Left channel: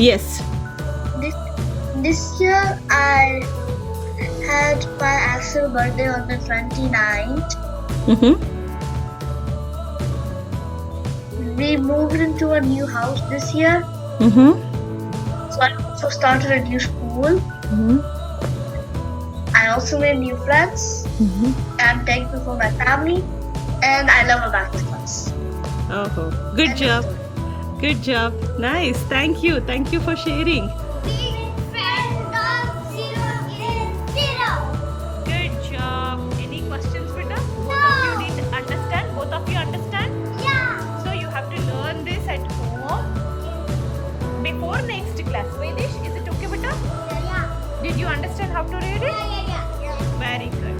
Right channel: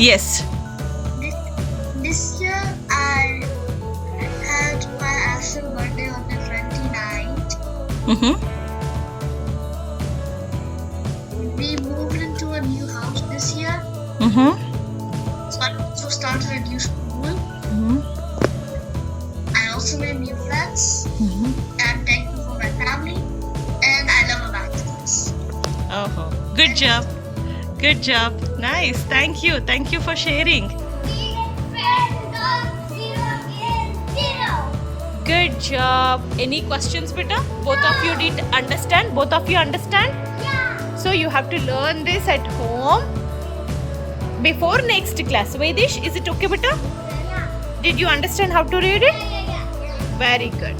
Yes. This year I had my actual birthday on the 29th. Mm-hmm. We moved into a new house this year. Mm-hmm. So I also started a new school. Mm-hmm. I also made new friends. Mm-hmm. I'm thankful for my family. And I love Abacus. Oh, good job. Good job. Nice. Thank you. Thank you for sharing. Good job. Any questions, beta? Both of you did understand? Both of you understand? Yeah. So you have to learn this at home before next class. Vedish, is it okay, beta? Yeah. Did you understand how to read it? Yeah. Very good.